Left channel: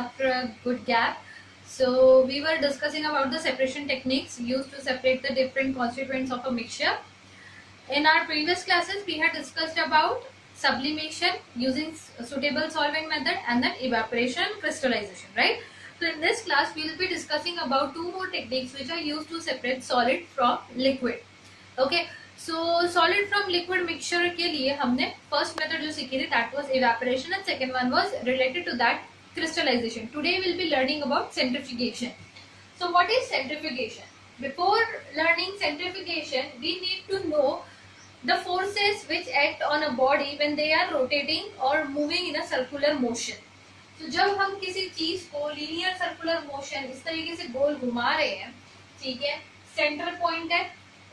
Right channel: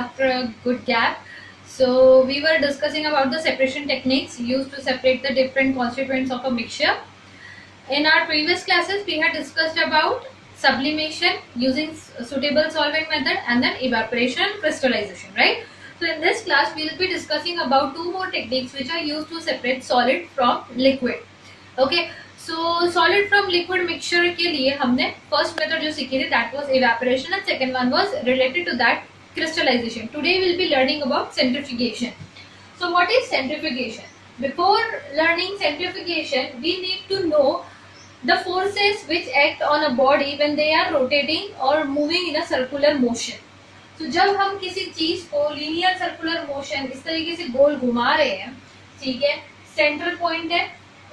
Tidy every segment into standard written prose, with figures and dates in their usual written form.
after a good gap. So we were discussing about the separation techniques used to separate the different constituents of a mixture. In our previous classes, we had discussed about sublimation using suitable solvent method and then evaporation and crystallization, right? So in this class, we will be discussing about two more techniques which are used to separate solid from liquid. Okay. So solid from liquid mixture के लिए हमने first method जो सीखी थी that was evaporation and second one was related to that crystallization. Today we will be learning about centrifugation. So what is centrifugation? Before learning centrifugation, we need to know the forces which act on a body when they are rotating or moving in a circular motion. So जब हम किसी चीज को linear circular motion इस तरीके से गोल घुमा रहे हैं, ठीक है, सेंटर पॉइंट है,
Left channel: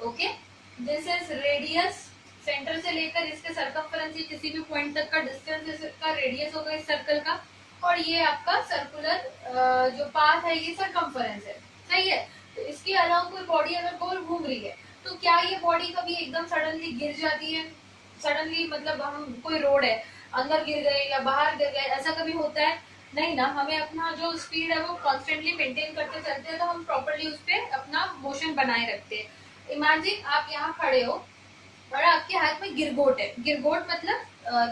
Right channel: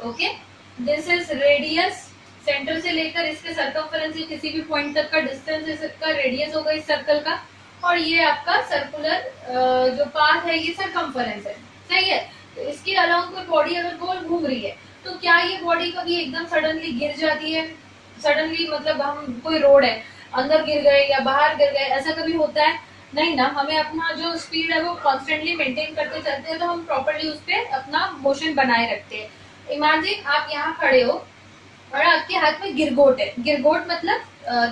okay, this is radius, centre से लेकर इसके सर्कमफरेंस किसी भी पॉइंट तक का डिस्टेंस इसका रेडियस होगा इस सर्कल का, और ये आपका सर्कुलर जो पाथ है ये सर्कमफरेंस है, सही है। तो इसके अलावा कोई बॉडी अगर गोल घूम रही है तो क्या ये बॉडी कभी एकदम सडनली गिर जाती है? सडनली मतलब हम कोई रोड है अंदर गिर गए या बाहर गिर गए, ऐसा कभी होता है? नहीं ना। हमें अपना जो स्पीड है वो कॉन्स्टेंटली मेंटेन करते चलते हैं, तो हम प्रॉपर्ली उस पर अपना मोशन बनाए रखते हैं। इमेजिन आप यहाँ खड़े हो और आपके हाथ में गिरगोट है। गिरगोट मतलब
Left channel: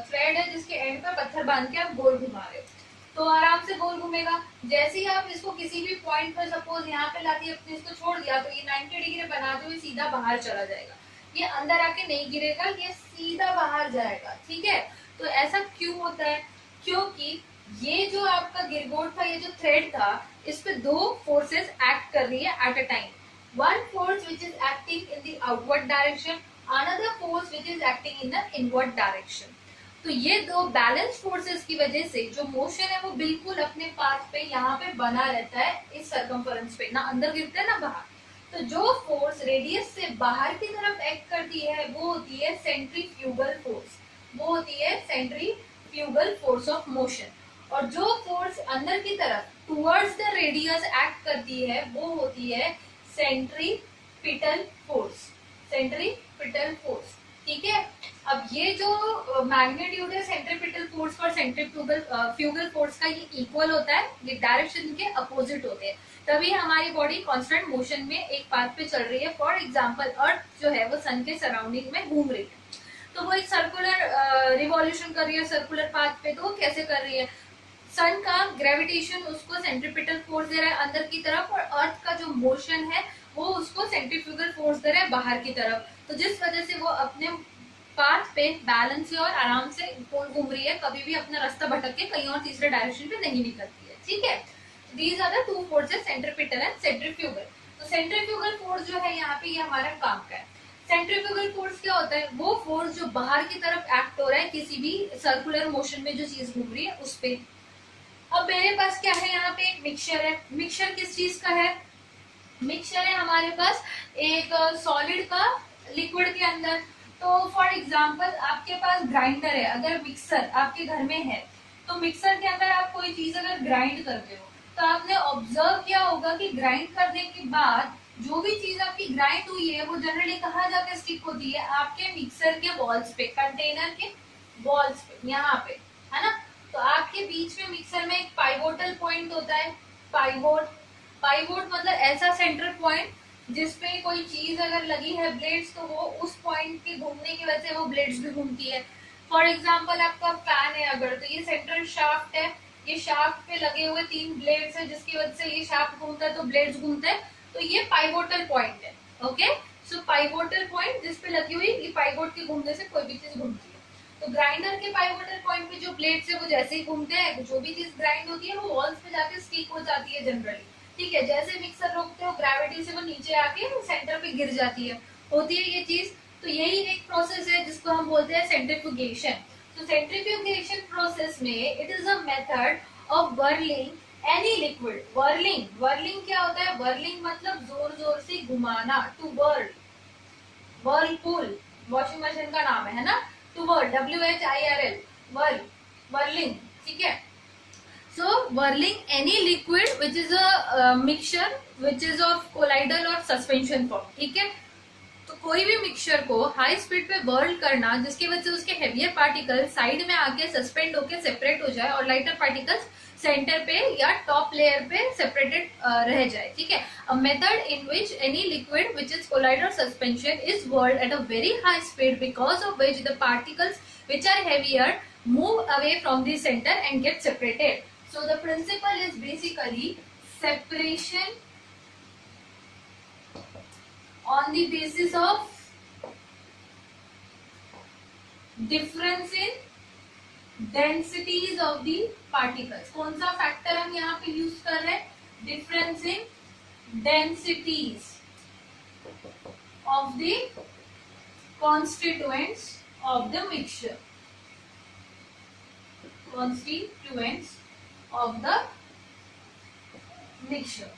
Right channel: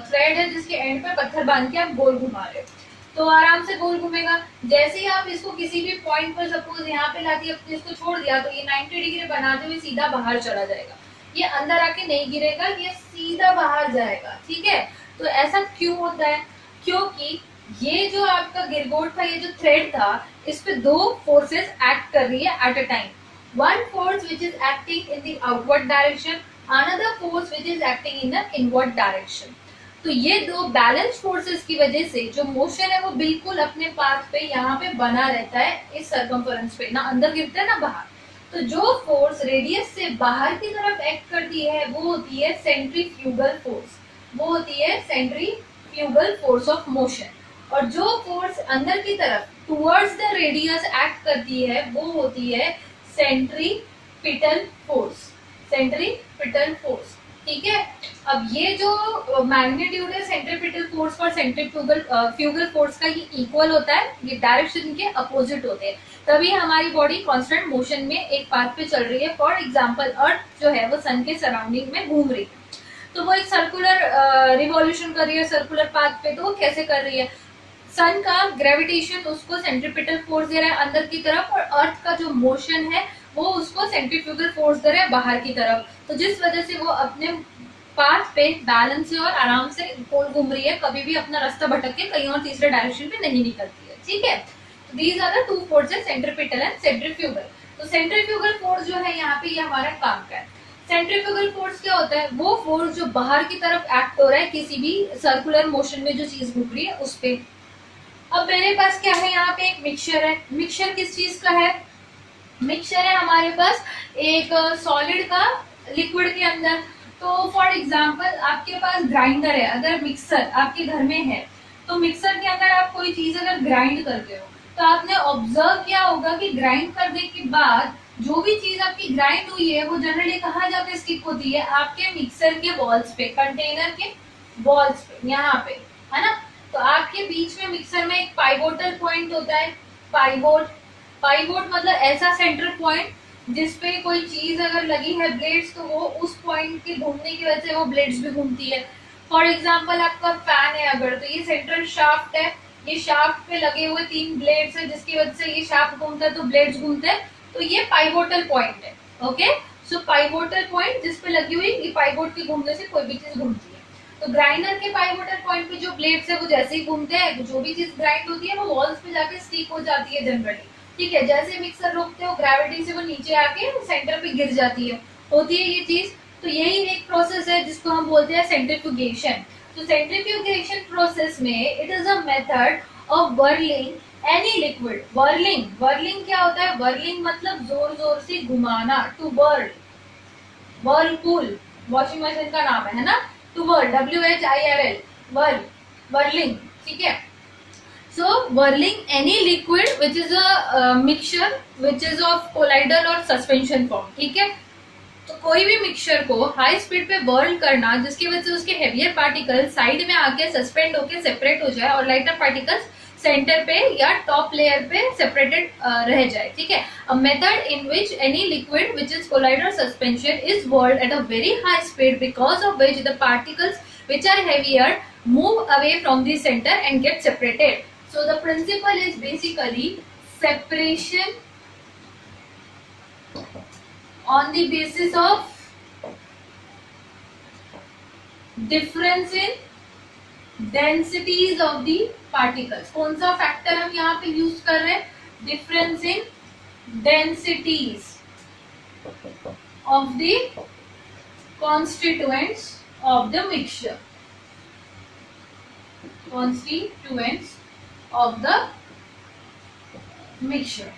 थ्रेड है जिसके एंड पे पत्थर बांध के आप गोल घुमा रहे हो, तो आराम से गोल घूमेगा। जैसे ही आप इसको किसी भी पॉइंट पर सपोज यहाँ पे लाके अपने इसको छोड़ दिया तो ये 90 डिग्री बनाते हुए सीधा बाहर चला जाएगा, ये अंदर आके नहीं गिरेगा, ये सीधा बाहर जाएगा, ठीक है। तो ऐसा क्यों होता है? क्योंकि ये जो आपका गिरगोट था, ये जो थ्रेड था, इस पे दो फोर्सेस एक्ट कर रही है at a time. One force which is acting in the outward direction, another force which is acting in the inward direction. तो ये दो बैलेंस फोर्सेस की वजह से जो मोशन है वो बिल्कुल अपने पाथ पे यहाँ पे बना रहता है, इस सर्कमफरेंस पे, ना अंदर गिरता है ना बाहर। तो जो फोर्स रेडियस से बाहर की तरफ एक्ट करती है वो होती है सेंट्रीफ्यूगल फोर्स, वो होती है सेंट्रीफ्यूगल फोर्स ऑफ मोशन। और जो फोर्स अंदर की तरफ टुवर्ड्स द रेडियस एक्ट करती है वो होती है सेंट्रीपिटल फोर्स, सेंट्रीपिटल फोर्स, ठीक है। अब ये जो मैग्नीट्यूड है सेंट्रीपिटल फोर्स और सेंट्रीफ्यूगल फोर्स का, ये इक्वल होता है, ये डायरेक्शन के अपोजिट होते हैं, तभी हमारी बॉडी कांस्टेंट मोशन में एक पाथ पे चल रही है। फॉर एग्जांपल अर्थ जो है वो सन के सराउंडिंग में घूम रही है, तो वो एक सर्कुलर रिवॉल्यूशन कर रही है सर्कुलर पाथ पे। तो वो कैसे कर रही है? सन का ग्रेविटेशन उसको सेंट्रीपिटल फोर्स दे रहा है अंदर की तरफ, और अर्थ का जो मोशन है वो उसको सेंट्रीफ्यूगल फोर्स दे रहा है बाहर की तरफ। तो जिस वजह से वो अपने पाथ पे बैलेंस से और आराम से गोल घूम रही है, कभी भी अपना रास्ता भटक के कहीं और तीसरे डायरेक्शन पे नहीं निकलती है, ठीक है। तो these are the two forces, centripetal and centrifugal. तो सेंट्रीफ्यूगल फोर्स जो है यहाँ पे ये हमारा काम का है। सेंट्रीफ्यूगल फोर्स क्या होता है? वो फोर्स जो बाहर की तरफ एक्ट हो रहा है किसी भी सर्कुलर मोशन में जो चीज घूम रही है उस पे। अब मेरे पास क्या है? यहाँ पे एक मिक्सचर है। मिक्सचर किस चीज का है? मिक्सचर है हमारे पास एक सॉलिड का लिक्विड के अंदर। तो फॉर एग्जांपल आपके पास ग्राइंडर है, अगर मिक्सर आपके घर में है तो मिक्सर के अंदर आप कोई चीज अगर ग्राइंड करते हो तो आपने ऑब्जर्व किया होगा कि ग्राइंड करने के बाद जो भी चीज आपकी ग्राइंड हुई है वो जनरली कहाँ जाके स्टिक होती है? आपके मिक्सर के वॉल्स पे, कंटेनर के वॉल्स पे, यहाँ पे, है ना। तो आपके बीच में मिक्सर में एक पाइवोटल पॉइंट होता है, पाइवोट। पाइवोट मतलब ऐसा सेंटर पॉइंट जिसपे कोई चीज अगर लगी है ब्लेड्स, तो वो उस पॉइंट के घूमने की वजह से वो ब्लेड्स भी घूमती है। फॉर एग्जांपल आपका फैन है अगर, तो ये सेंट्रल शाफ्ट है, ये शाफ्ट पे लगे हुए 3 ब्लेड्स है जिसकी वजह से ये शाफ्ट घूमता है तो ब्लेड्स घूमते हैं, तो ये पाइवोटल पॉइंट है, ओके। सो पाइवोटल पॉइंट जिसपे लगी हुई ये पाइवोट के घूमने से कोई भी चीज घूमती है। तो ग्राइंडर के पाइवोटल पॉइंट पे जो ब्लेड्स है वो जैसे ही घूमते हैं, जो भी चीज ग्राइंड होती है वो वॉल्स पे जाके स्टिक हो जाती है जनरली, ठीक है। जैसे मिक्सर रोकते हो ग्रेविटी से वो नीचे आके सेंटर पे गिर जाती है, होती है ये चीज। तो यही एक प्रोसेस है जिसको हम बोलते हैं सेंट्रीफ्यूगेशन। तो सेंट्रीफ्यूगेशन प्रोसेस में it is a method of whirling any liquid. Whirling क्या होता है? वर्लिंग मतलब जोर जोर से घुमाना, to whirl. Whirlpool washing machine का नाम है ना, टू वर्ल, WHIRL, वर्लिंग, ठीक है। So whirling any liquid which is a mixture which is of colloidal or suspension form, ठीक है। तो कोई भी मिक्सचर को हाई स्पीड पे वर्ल करना जिसकी वजह से उसके हेवियर पार्टिकल साइड में आके सस्पेंड होके सेपरेट हो जाए और लाइटर पार्टिकल्स सेंटर पे या टॉप लेयर पे सेपरेटेड रह जाए, ठीक है। A method in which any liquid which is colloid और suspension is whirled at a very high speed because of which the particles which are heavier move away from the center and get separated. So the principle is basically separation on the basis of difference in densities of the particles. कौन सा factor हम यहाँ पे use कर रहे हैं? Difference in densities of the constituents of the mixture. Constituents of the mixture.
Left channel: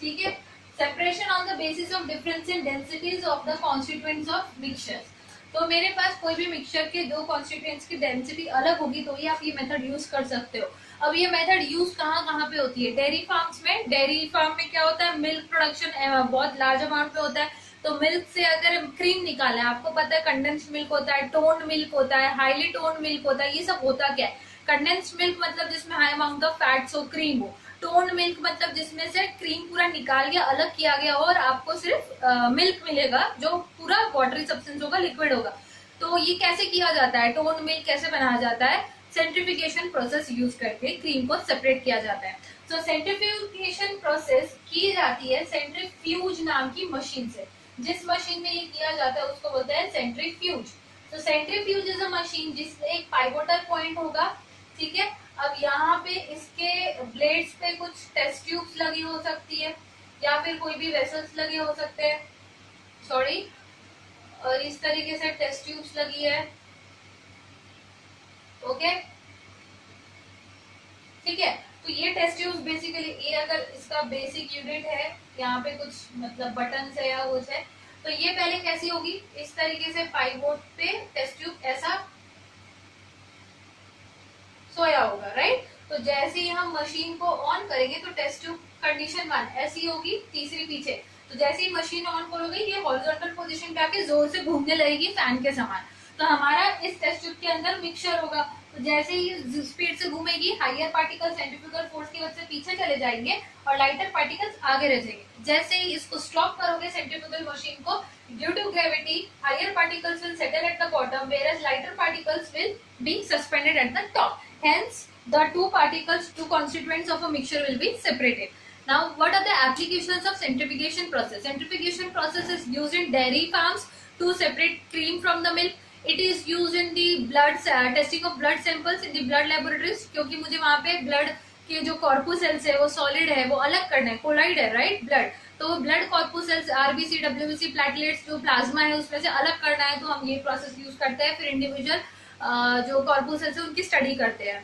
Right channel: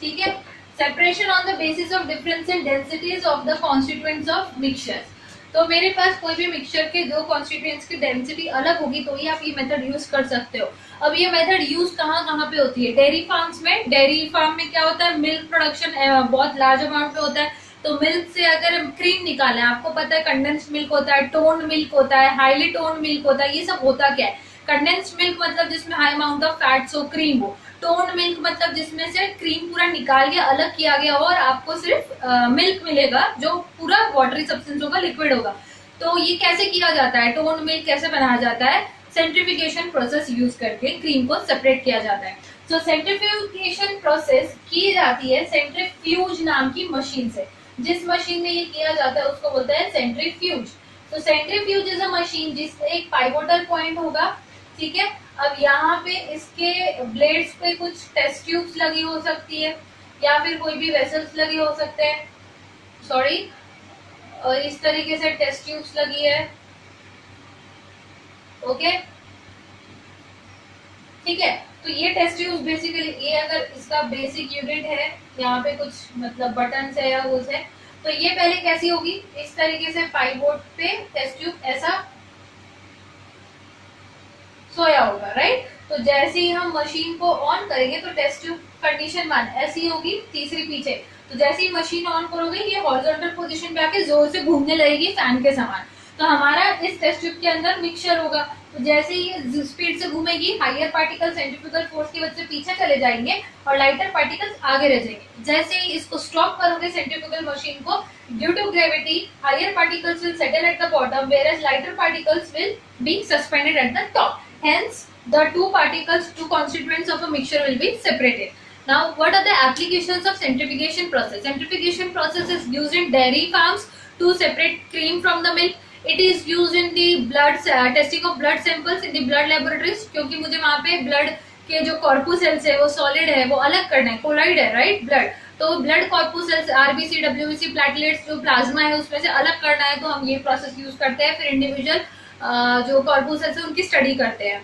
ठीक है, separation on the basis of difference in densities of the constituents of mixtures. तो मेरे पास कोई भी मिक्सचर के दो कॉन्स्टिट्यूएंट्स की डेंसिटी अलग होगी तो ही आप ये मेथड यूज कर सकते हो. अब ये मेथड यूज कहाँ कहाँ पे होती है? डेयरी फार्म्स में. डेयरी फार्म में क्या होता है? मिल्क प्रोडक्शन बहुत लार्ज अमाउंट पे होता है. तो मिल्क से अगर क्रीम निकालें, आपको पता है कंडेंस्ड मिल्क होता है, टोन्ड मिल्क होता है, हाईली टोन्ड मिल्क होता है. ये सब होता क्या है? कंडेंस्ड मिल्क मतलब जिसमें हाई अमाउंट ऑफ फैट्स हो, क्रीम हो. टोन्ड मिल्क मतलब जिसमें से क्रीम पूरा निकाल के अलग किया गया हो और आपको सिर्फ मिल्क मिलेगा जो पूरा वाटरी सब्सटेंस होगा, लिक्विड होगा. तो ये कैसे किया जाता है? टोन्ड मिल्क कैसे बनाया जाता है? सेंट्रीफ्यूगेशन प्रोसेस यूज करके क्रीम को सेपरेट किया जाता है. तो सेंट्रीफ्यूगेशन प्रोसेस की जाती है सेंट्रीफ्यूज नाम की मशीन से. जिस मशीन में ये किया जाता है उसको बोलते हैं सेंट्रीफ्यूज. तो सेंट्रीफ्यूज इज अ मशीन जिसमें एक पाइवोटल पॉइंट होगा, ठीक है. अब यहाँ पे इसके ब्लेड्स पे कुछ टेस्ट ट्यूब्स लगी हो सकती है या फिर कोई भी वेसल्स लगे हो सकते हैं. सॉरी, इस तरीके से टेस्ट ट्यूब्स लगी है. ओके, ठीक है. तो ये टेस्ट ट्यूब बेसिकली, ये अगर इसका बेसिक यूनिट है, यहाँ पे कुछ मतलब बटन है या कुछ है, तो ये पहले कैसी होगी? इस तरीके से पाइवोट पे टेस्ट ट्यूब ऐसा सोया होगा, राइट. तो जैसे ही हम मशीन को ऑन करेंगे तो टेस्ट ट्यूब कंडीशन 1 ऐसी होगी, तीसरी पीछे. तो जैसे ही मशीन ऑन करोगे ये हॉरिजॉन्टल पोजीशन पे आके जोर से घूमने लगेगी फैन के समान. तो हमारा इस टेस्ट ट्यूब के अंदर मिक्सचर होगा. तो जैसे ही स्पीड से घूमेगी, हायर पार्टिकल सेंट्रीफ्यूगल फोर्स की वजह से पीछे चले जाएंगे और लाइटर पार्टिकल्स आगे रह जाएंगे. जैसे ही इसको स्टॉप करोगे सेंट्रीफ्यूगल मशीन को, due to gravity higher particles will settle at the bottom whereas lighter particles will be suspended at the top. Hence the two constituents of a mixture will be separated. Now what are the applications of centrifugation process? Centrifugation process is used in dairy farms to separate cream from the milk. It is used in the blood testing of blood samples in the blood laboratories. क्योंकि मुझे वहाँ पे blood के जो कॉर्पुसेल्स है वो solid है, वो अलग करना है, कोलाइड है, राइट, ब्लड. तो ब्लड कॉर्पुसेल्स, आरबीसी, डब्ल्यूबीसी, प्लेटलेट्स, जो प्लाज्मा है उसमें से अलग करना है, तो हम ये प्रोसेस यूज करते हैं. फिर इंडिविजुअल जो कॉर्पुसेल्स है उनकी स्टडी करते हैं.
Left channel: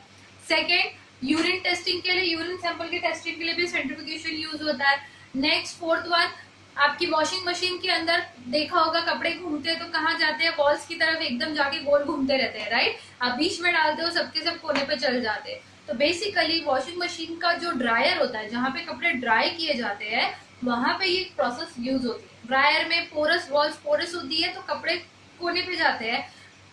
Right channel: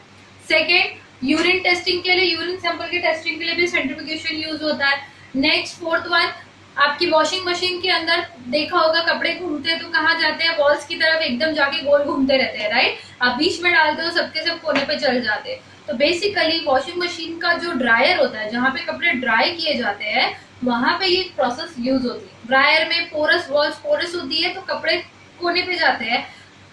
सेकेंड, यूरिन टेस्टिंग के लिए, यूरिन सैंपल की टेस्टिंग के लिए भी सेंट्रीफ्यूगेशन यूज होता है. नेक्स्ट फोर्थ वन, आपकी वॉशिंग मशीन के अंदर देखा होगा कपड़े घूमते हैं तो कहाँ जाते हैं? वॉल्स की तरफ एकदम जाके गोल घूमते रहते हैं, राइट. आप बीच में डालते हो, सबके सब कोने पे चल जाते हैं. तो बेसिकली वॉशिंग मशीन का जो ड्रायर होता है, जहाँ पे कपड़े ड्राई किए जाते हैं, वहां पे ये प्रोसेस यूज होती है. ड्रायर में पोरस वॉल्स पोरस होती है तो कपड़े कोने पे जाते हैं.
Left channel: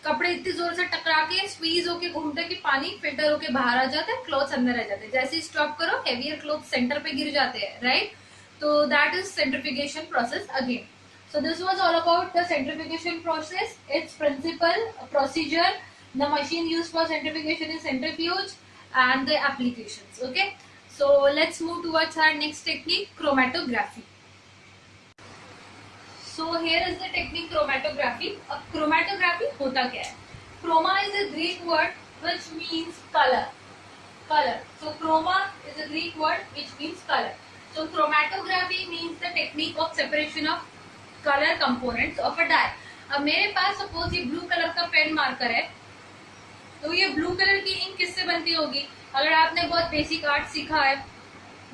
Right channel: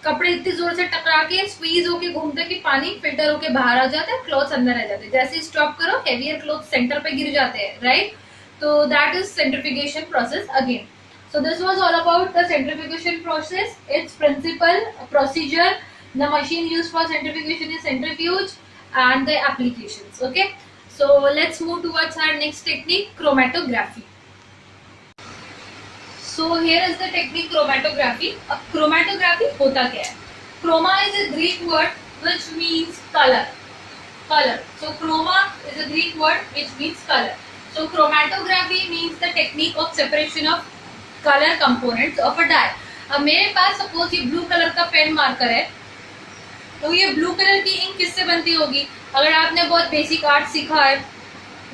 कपड़े इतनी जोर से टकरा के स्क्वीज होके घूमते कि पानी फिल्टर होके बाहर आ जाता है, क्लॉथ्स अंदर रह जाते हैं. जैसे स्टॉप करो, हेवियर क्लॉथ सेंटर पे गिर जाते हैं, right. So that is centrifugation process again. So this was all about the centrifugation process, its principle, procedure, the machine used for centrifugation is centrifuge, and the applications. Okay, so let's move towards our next technique, chromatography. So here is the technique chromatography. अब chromatography होता क्या है? Chroma is a Greek word which means color. Color. So chroma is a Greek word which means color. So chromatography means the technique of separation of color components of a dye. अब मेरे पास suppose ये blue colour का pen marker है, तो ये blue colour की ink किससे बनती होगी? अगर आपने बहुत बेसिक आर्ट सीखा है,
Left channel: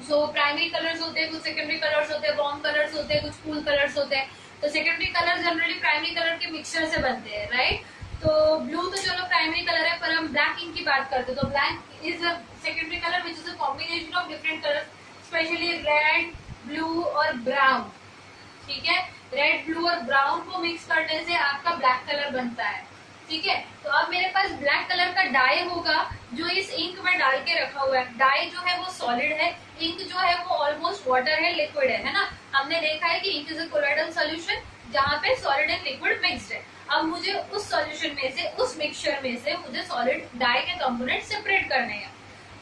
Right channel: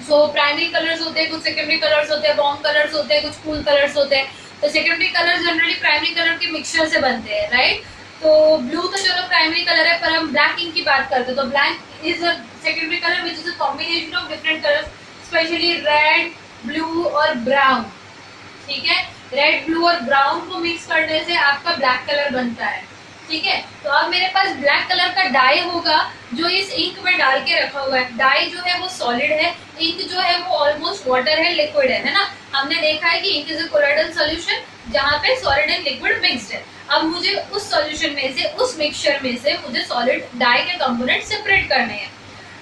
सो प्राइमरी कलर्स होते हैं, कुछ सेकेंडरी कलर्स होते हैं, वार्म कलर्स होते हैं, कुछ कूल कलर्स होते हैं. तो secondary colour generally primary colour के मिक्सचर से बनते हैं, राइट. तो ब्लू तो चलो प्राइमरी कलर है, पर हम ब्लैक इंक की बात करते हैं तो black is a secondary colour which is a combination of different colours, specially red, blue और ब्राउन. ठीक है, रेड, ब्लू और ब्राउन को मिक्स करने से आपका ब्लैक कलर बनता है. ठीक है। तो अब मेरे पास ब्लैक कलर का डाई होगा जो इस इंक में डाल के रखा हुआ है। डाई जो है वो सॉलिड है, इंक जो है वो ऑलमोस्ट वाटर है, लिक्विड है ना। हमने देखा है कि ink is a colloidal solution जहाँ पे सॉलिड एंड लिक्विड मिक्स्ड है। अब मुझे उस सॉल्यूशन में से, उस मिक्सचर में से मुझे सॉलिड डाई के कंपोनेंट सेपरेट करने हैं।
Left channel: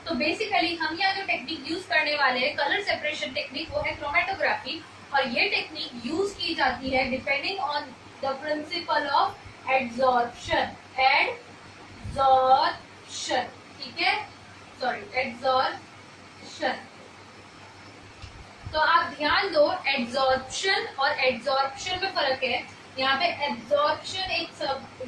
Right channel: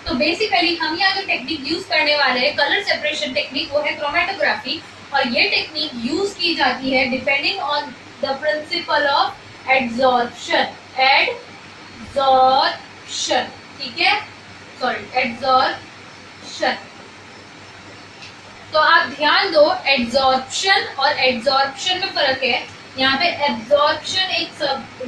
तो बेसिकली हम यहाँ जो टेक्निक यूज करने वाले हैं कलर सेपरेशन टेक्निक, वो है क्रोमेटोग्राफी। और ये टेक्निक यूज की जाती है depending on the principle of adsorption. Adsorption, ठीक है, सॉरी, एड्सॉर्प्शन। तो आप ध्यान दो, एड्सॉर्प्शन और एड्सॉर्प्शन में फर्क है। यहाँ पे एब्जॉर्प्शन एक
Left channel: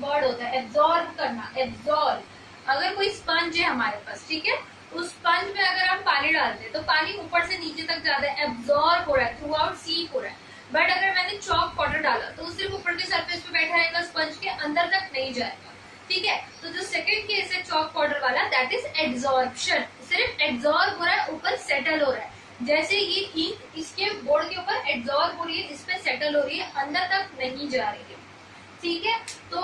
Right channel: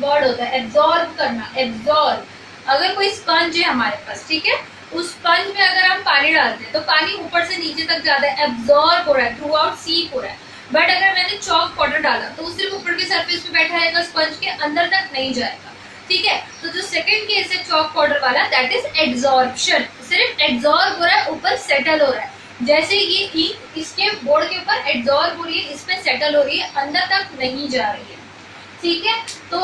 वर्ड होता है, एब्जॉर्ब करना, एब्जॉर्ब। अगर कोई स्पंज है हमारे पास, ठीक है, उस स्पंज में अगर हम पानी डालते हैं तो पानी ऊपर से नीचे तक जाता है, एब्जॉर्ब हो रहा है, थ्रू आउट सीप हो रहा है। बट अगर मैंने चॉक पाउडर डाला तो वो सिर्फ ऊपर के सरफेस पे बैठा रहेगा, स्पंज के अंदर तक नहीं जाएगा, ठीक है। तो जो सेकंड केस है चॉक पाउडर वाला, दैट इज एड्सॉर्प्शन। सिर्फ एड्सॉर्ब हो रहा है, ऊपर सेटल हो रहा है। जैसे ये इंक इसके बोर्ड के ऊपर एड्सॉर्ब हो रही है, इस पे सेटल हो रही है, अंदर तक नहीं जा रही है, ठीक है। तो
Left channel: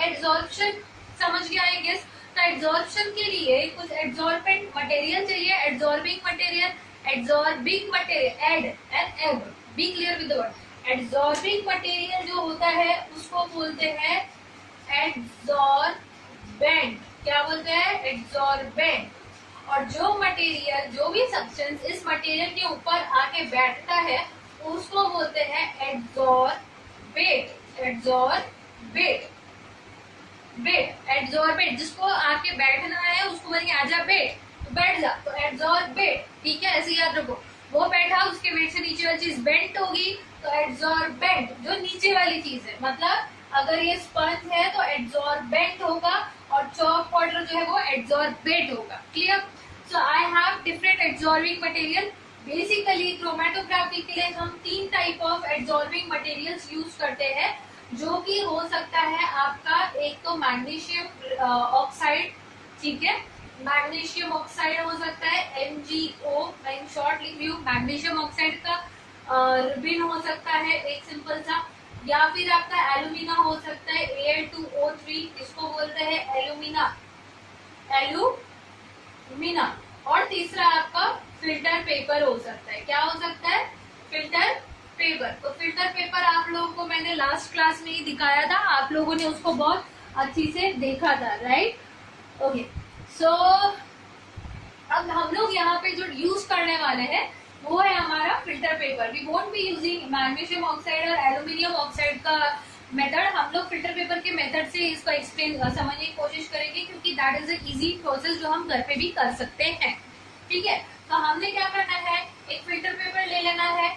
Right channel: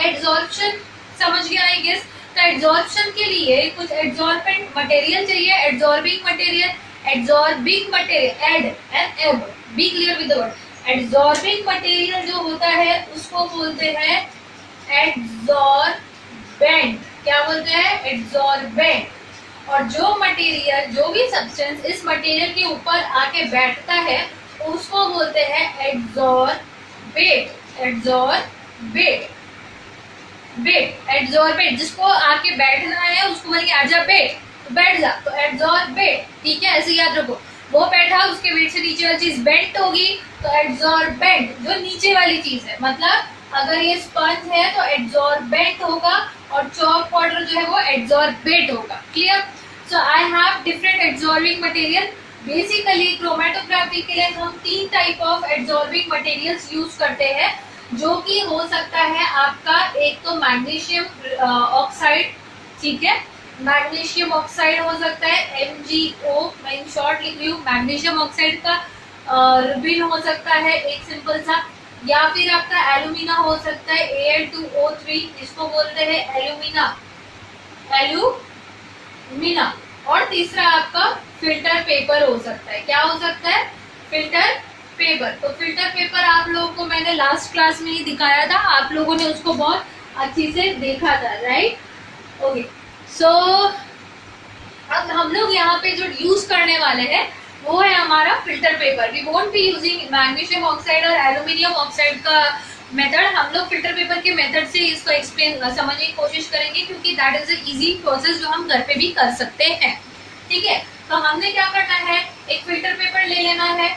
एड्सॉर्प्शन समझ गया आई गेस। तो एड्सॉर्प्शन के लिए कुछ एड्सॉर्बेंट मटेरियल चाहिए, adsorbing material. Adsorbing material, ad and ab, be clear with the word. Adsorbing material जो होता है उसको बोलते हैं एड्सॉर्बेंट। क्या बोलते हैं? एड्सॉर्बेंट। और जो मटेरियल, जो भी सब्सटेंस इस मटेरियल के ऊपर आके बैठता है उसको बोलते हैं एड्सॉर्बेट। एड्सॉर्बेट, बेट, एड्सॉर्बेट। जिसको आके बैठना है उसको बोलेंगे आजा बेट, तो बैठ जा, तो एड्सॉर्बेट, ठीक है, ऐसे याद रखो। वो बैठा, उसके वेट से नीचे वाली चीज बेंट होगी, तो एड्सॉर्बेंट जो नीचे वाली चीज है। मतलब अगर ये स्पंज है तो एड्सॉर्बेंट होगा और चॉक पाउडर जो है वो एड्सॉर्बेट होगा। Clear? So I have different adsorbing material. Basically chromatography के लिए हम 3 type of adsorbing materials use करते हैं, जो कि हो सकता है आपका एक तो मैग्नीशियम ऑक्साइड, ठीक है, मैग्नीशियम ऑक्साइड हो सकता है, MgO, मैं इन शॉर्ट लिख रही हूँ। मैग्नीशियम ऑक्साइड का रिबिन हो सकता है एक सिंपल सा, या फिर आपका एल्यूमिना हो सकता है, Al2O3, इसको बोलते हैं एल्यूमिना, एल्यूमिना। और तीसरा आपका फिल्टर पेपर हो सकता है। क्या हो सकता है? Filter paper. तो फिल्टर पेपर आप लोगों को मैंने लास्ट क्लास में ही दिखाया था, आप लोगों ने उसको बहुत अच्छी से देखा था, राइट? ओके, सो अब हम लोग यहाँ पे जो यूज करने वाले हैं वो है हमारा filter paper. We won't be using magnesium oxide और एल्यूमिनियम ऑक्साइड का मेथड। हम लोग फिल्टर पेपर के मेथड से इसको एक्सप्लेन समझने की कोशिश करेंगे, क्योंकि that is a easy process जो हम घर पे भी कर सकते हैं, ठीक है। तो हमने क्या करना है, एक फिल्टर पेपर ले लेना है।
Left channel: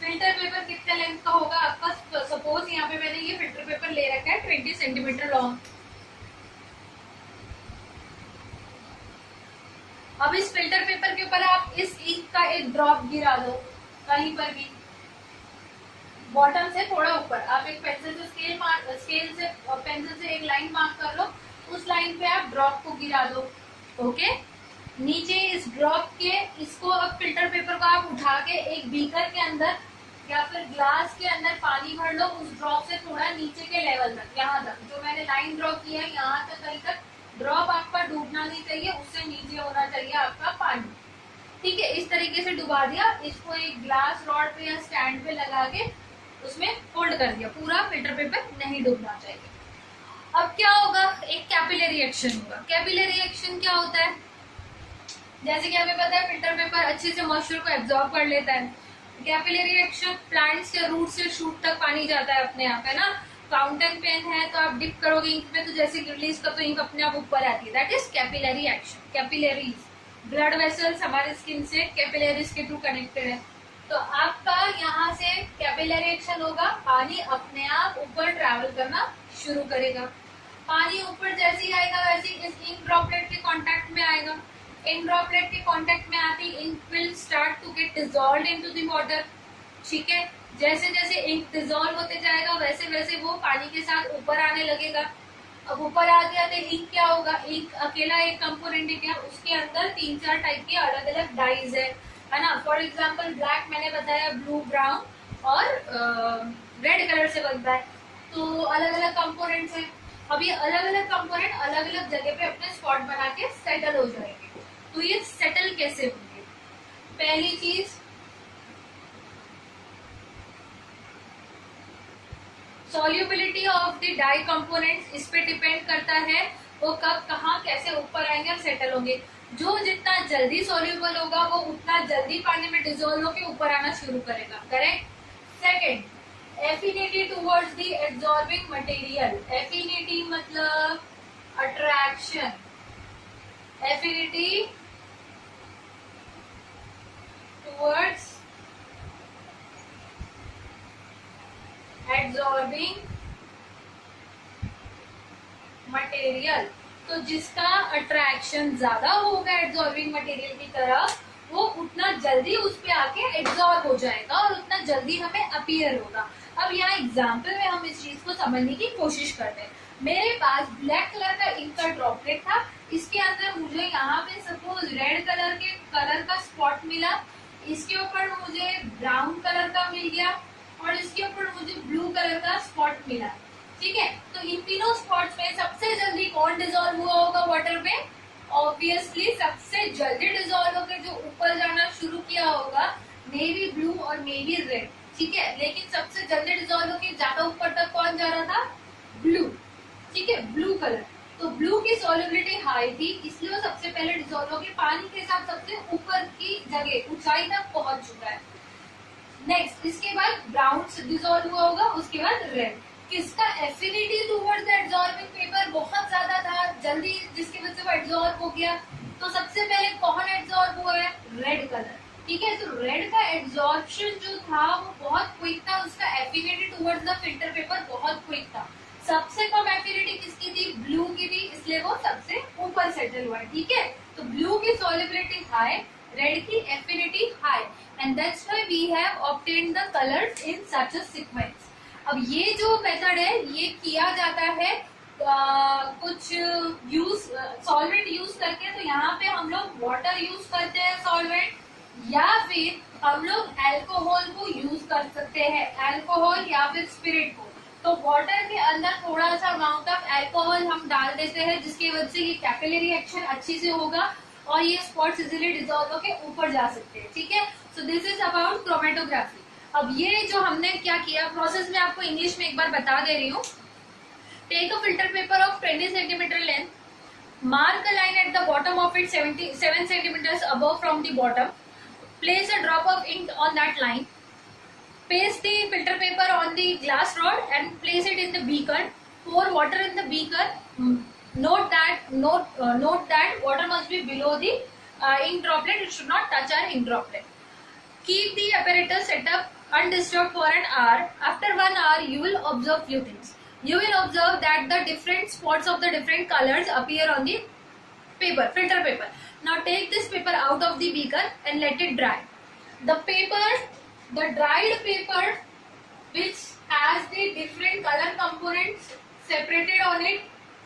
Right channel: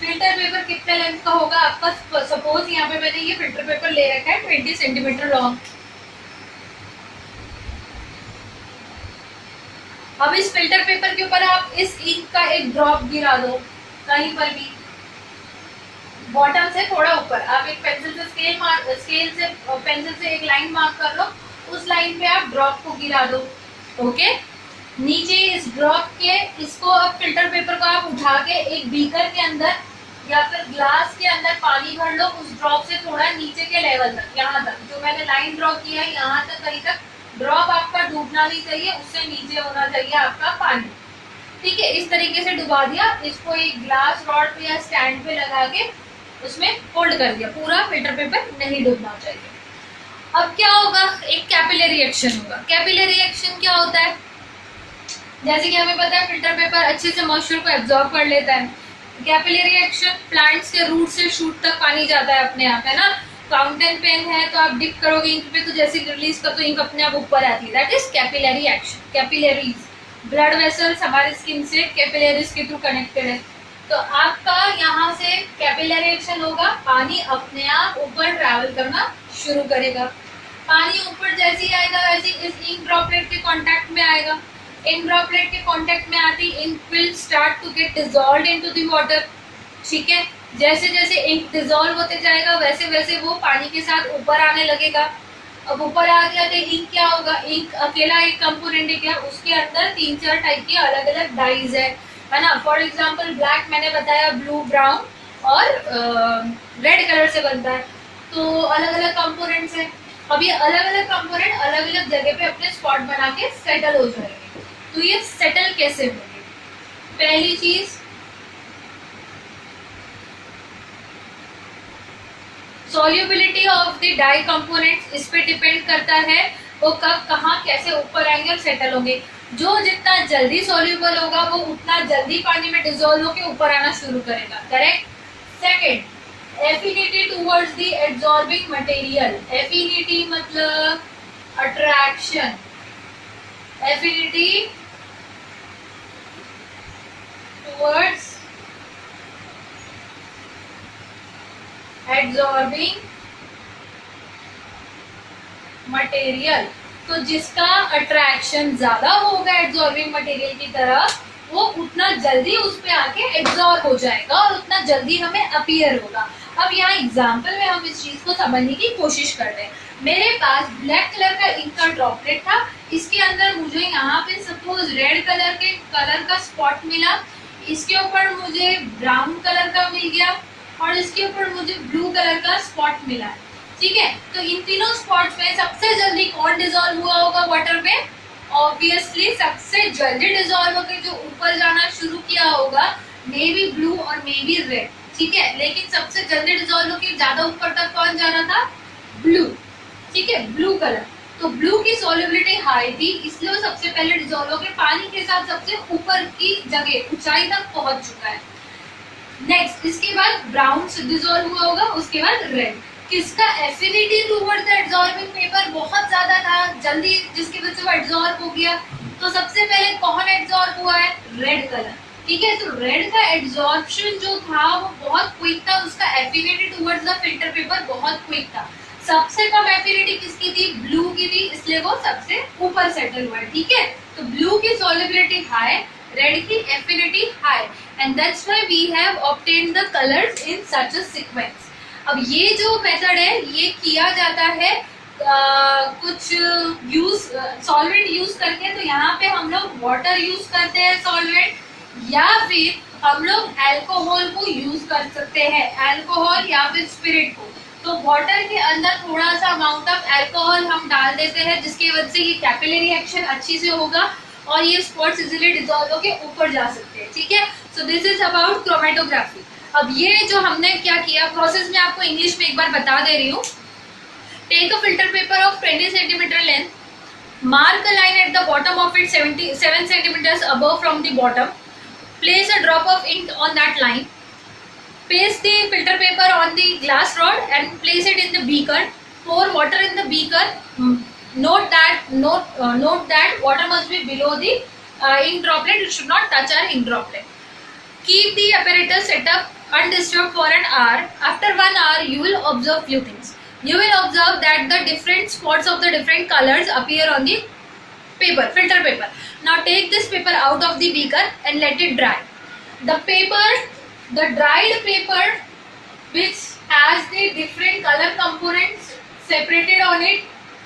फिल्टर पेपर कितने लेंथ का होगा आपका? सपोज यहाँ पे मैंने ये फिल्टर पेपर ले रखा है 20 सेंटीमीटर लॉन्ग। अब इस फिल्टर पेपर के ऊपर आप इस इंक का एक ड्रॉप गिरा दो, कहीं पर भी बॉटम से थोड़ा ऊपर। आप एक पेंसिल से पेंसिल से एक लाइन मार्क कर लो, उस लाइन पे आप ड्रॉप को गिरा दो, ओके। नीचे इस ड्रॉप के, इसको अब फिल्टर पेपर को आप उठा के एक बीकर के अंदर या फिर ग्लास के अंदर पानी भर लो, उस ड्रॉप से थोड़ा नीचे के लेवल तक, यहाँ तक जो मैंने लाइन ड्रॉ किया है यहाँ तक, कहीं तक ड्रॉप आपका डूबना नहीं चाहिए, उससे नीचे होना चाहिए आपका पानी, ठीक है। इस तरीके से डुबा दिया, इसको एक ग्लास रॉड पे या स्टैंड पे लगा के उसमें होल्ड कर दिया, पूरा फिल्टर पेपर नहीं डूबना चाहिए। अब क्या होगा? एक कैपिलरी एक्शन होगा। कैपिलरी एक्शन क्या होता है? जैसे कि हमें पता है फिल्टर पेपर अच्छे से मॉइस्चर को एब्जॉर्ब कर लेता है। कैपिलरी एक्शन, प्लांट्स के रूट से शूट तक पानी जाता है अपने आप, है ना। फाउंटेन पेन है तो आप डिप करोगे इंक पे, तो जैसे रिलीज कर तो इंक अपने आप ऊपर आती है, that is capillary action. Capillaries, blood vessels हमारे स्किन से कैपिलरीज के थ्रू कनेक्टेड है। तो आपका यहाँ से कैपिलरी एक्शन होगा, पानी अपने आप ऊपर ट्रैवल करना शुरू करेगा। पानी ऊपर जैसे ही आएगा वैसे इस इंक ड्रॉपलेट के कांटेक्ट में आएगा। इंक ड्रॉपलेट के कांटेक्ट में आती ink will start to get dissolved into the water, ठीक है। जैसे जैसे इंक डिसॉल्व होते जाएगा वैसे वैसे वो पानी के साथ ऊपर आने लगेगा। अब ऊपर आ गया तो इंक क्या होगा? इंक अकेला एक कंपोनेंट है क्या? उसके अंदर 3-4 टाइप के अलग अलग डाइज है ना। फॉर एग्जाम्पल ब्लैक मैंने बताया, ब्लू, ब्राउन और रेड कलर से बनता है, तो अलग अलग कंपोनेंट्स है। अब ये अलग अलग कंपोनेंट अलग अलग जगह पे अपने स्पॉट बना के सेटल हो जाएंगे। तो ये सेटल कैसे होंगे? पहली चीज, solubility of the dye components, इस पे डिपेंड करता है वो कब कहाँ कैसे ऊपर आएंगे और सेटल होंगे। जो जितना जल्दी सॉल्युबल होगा वो उतना जल्दी पानी में डिसॉल्व होकर ऊपर आना शुरू करेगा। Correct. Second, affinity towards the absorbing material. Affinity मतलब attraction, affinity towards absorbing material. तो जिसका अट्रैक्शन ज्यादा होगा एब्जॉर्बिंग मटेरियल की तरफ, वो उतना जल्दी उस पे आके एब्जॉर्ब हो जाएगा और उतना जल्दी हमें अपीयर होगा। अब यहाँ एग्जाम्पल में हम इस चीज को समझने की कोशिश कर रहे हैं। मेरे पास ब्लैक कलर का इंक का ड्रॉपलेट था, इसके अंदर मुझे यहाँ पे सपोज रेड कलर का स्पॉट मिला, इसके ऊपर मुझे ब्राउन कलर का मिल गया और इसके ऊपर मुझे ब्लू कलर का स्पॉट मिला है। ठीक है, तो इन तीनों स्पॉट्स में सबसे जल्दी कौन डिसॉल्व हुआ होगा वाटर में? ऑब्वियसली सबसे जल्दी डिसॉल्व होकर जो ऊपर जाना शुरू किया होगा मे बी ब्लू और मे बी रेड। ठीक है, लेकिन सबसे जल्दी डिसॉल्व होकर ज्यादा ऊपर तक कौन जा रहा था? ब्लू। ठीक है, ब्लू कलर। तो ब्लू की सॉल्युबिलिटी हाई थी, इसलिए वो सबसे पहले डिसॉल्व होकर पानी के साथ सबसे ऊपर की जगह ऊंचाई तक पहुंच चुका है। नेक्स्ट, इसके बाद ब्राउन डिसॉल्व हुआ होगा, उसके बाद रेड। किसका affinity towards the absorbing paper बहुत ज्यादा था, जल्दी, जिसकी वजह से वो एब्जॉर्ब हो गया। तो सबसे पहले कौन एब्जॉर्ब हुआ है? Red colour. ठीक है, तो रेड का एब्जॉर्प्शन जो था वो बहुत क्विक था, उसका affinity towards the filter paper बहुत क्विक था। सबसे कम एफिनिटी किसकी थी? ब्लू की थी, इसलिए वो सबसे ऊपर सेटल हुआ है। ठीक है, तो ब्लू की सॉल्युबिलिटी हाई, रेड की affinity high, and that's why we have obtained the colours in such a sequence. अब ये जो मेथड है ये किया जाता है कुछ सॉल्वेंट यूज करके। तो यहाँ पे हम लोग वाटर यूज करते हैं सॉल्वेंट, या फिर हम लोग अल्कोहल को यूज कर सकते हैं, अल्कोहल या फिर स्पिरिट को। तो वाटर के अंदर थोड़ा सा अमाउंट ऑफ अल्कोहल हम डाल देते हैं, जिसकी वजह से ये कैपिलरी एक्शन अच्छी से होगा और ये स्पॉट्स इजीली डिसॉल्व होकर ऊपर जा सकते हैं। ठीक है, so this is about chromatography. अब ये जो हमने क्या किया प्रोसेस में आपको इंग्लिश में एक बार बता दे रही हूँ। Take a filter paper of 20 centimetre length, mark a line at the bottom of it 7 centimetres above from the bottom, place a drop of ink on that line, paste the filter paper on the glass rod and place it in the beaker, pour water in the beaker. Note that water must be below the ink droplet, it should not touch our ink droplet. Keep the apparatus set up undisturbed for an hour. After 1 hour you will observe few things. You will observe that the different spots of the different colors appear on the paper, filter paper. Now take this paper out of the beaker and let it dry. The dried paper which has the different color components separated on it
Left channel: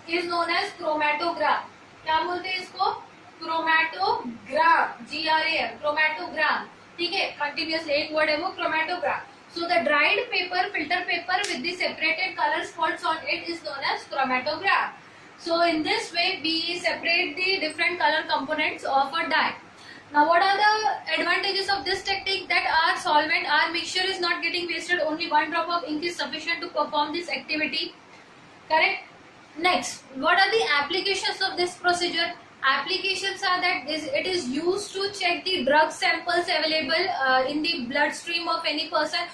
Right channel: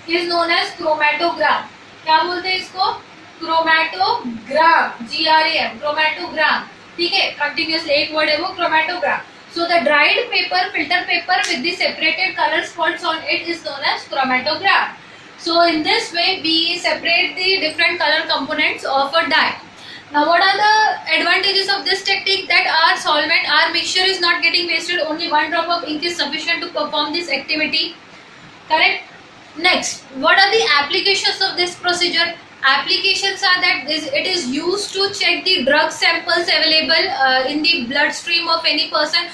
is known as chromatograph. क्या बोलते हैं इसको? Chromatogram, GRAM, chromatogram. ठीक है, continuously एक word है वो, chromatograph. So the dried paper, filter paper with the separated color spots on it is known as chromatograph. So in this way we separate the different color components of a dye. Now what are the advantages of this technique? That our solvent, our mixture is not getting wasted, only 1 drop of ink is sufficient to perform this activity. Correct? Next, what are the applications of this procedure? Applications are that it is used to check the drug samples available in the bloodstream of any person.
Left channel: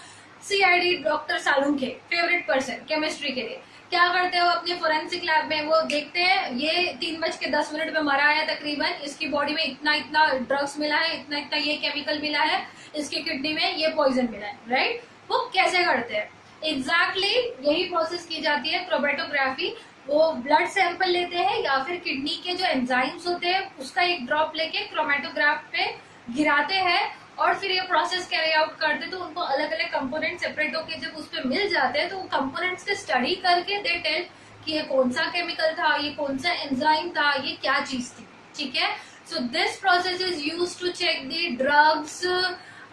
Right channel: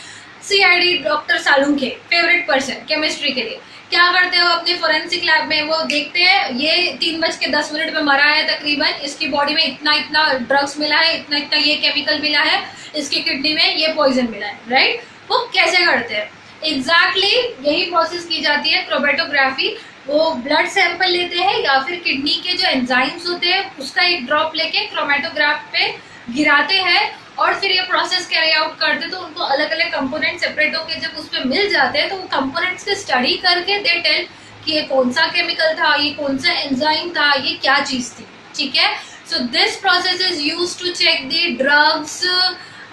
CID doctor Salunkhe favourite person chemistry के लिए क्या करते हैं वो अपने forensic lab में वो देखते हैं ये 3:10 में मरा है तकरीबन, इसकी बॉडी में इतना इतना ड्रग्स मिला है, इतना इतना ये केमिकल मिला है, इसकी किडनी में ये पॉइजन मिला है। राइट, वो कैसे करते हैं? एग्जैक्टली यही प्रोसेस की जाती है क्रोमेटोग्राफी। वो ब्लड सैंपल लेते हैं या फिर किडनी के जो एंजाइम्स होते हैं उसका एक ड्रॉप लेके क्रोमेटोग्राफ पे गिराते हैं और फिर ये प्रोसेस कैरी आउट करते। तो उनको अलग अलग कंपोनेंट सेपरेट होकर जब उस पर मिल जाते हैं तो वो कंपोनेंट्स की स्टडी करके दे टेल कि ये कौन सा केमिकल था, ये कौन सा एंजाइम था, ये क्या चीज थी। ठीक है, so this process is used to check the drugs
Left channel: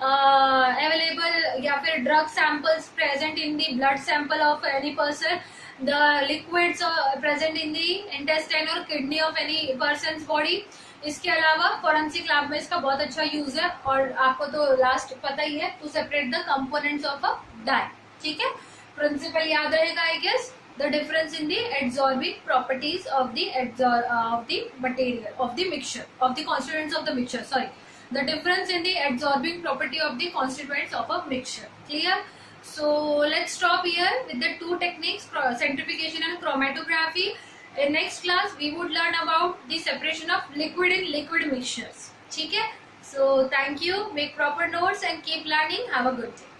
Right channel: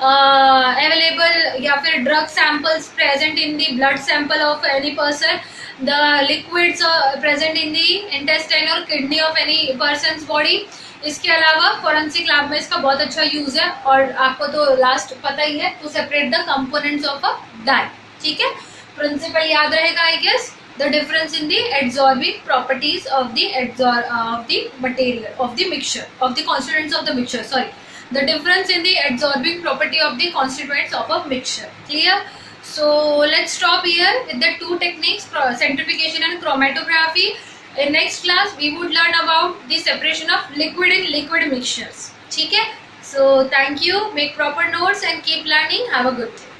available या फिर drug samples present in the blood sample of any person. the liquids present in the intestine or kidney of any person's body. इसके अलावा forensic lab में इसका बहुत अच्छा use है, और आपको तो लास्ट पता ही है, to separate the components of a dye. ठीक है, प्रिंसिपल याद रहेगा I guess. The difference in the adsorbing properties of the material of the mixture, of the constituents of the mixture. Sorry, the difference in the adsorbing property of the constituents of a mixture. Clear? So let's stop here with the two techniques, centrifugation and chromatography. In next class we would learn about the separation of liquid in liquid mixtures. ठीक है? So thank you. Make proper notes and keep learning. Have a good day.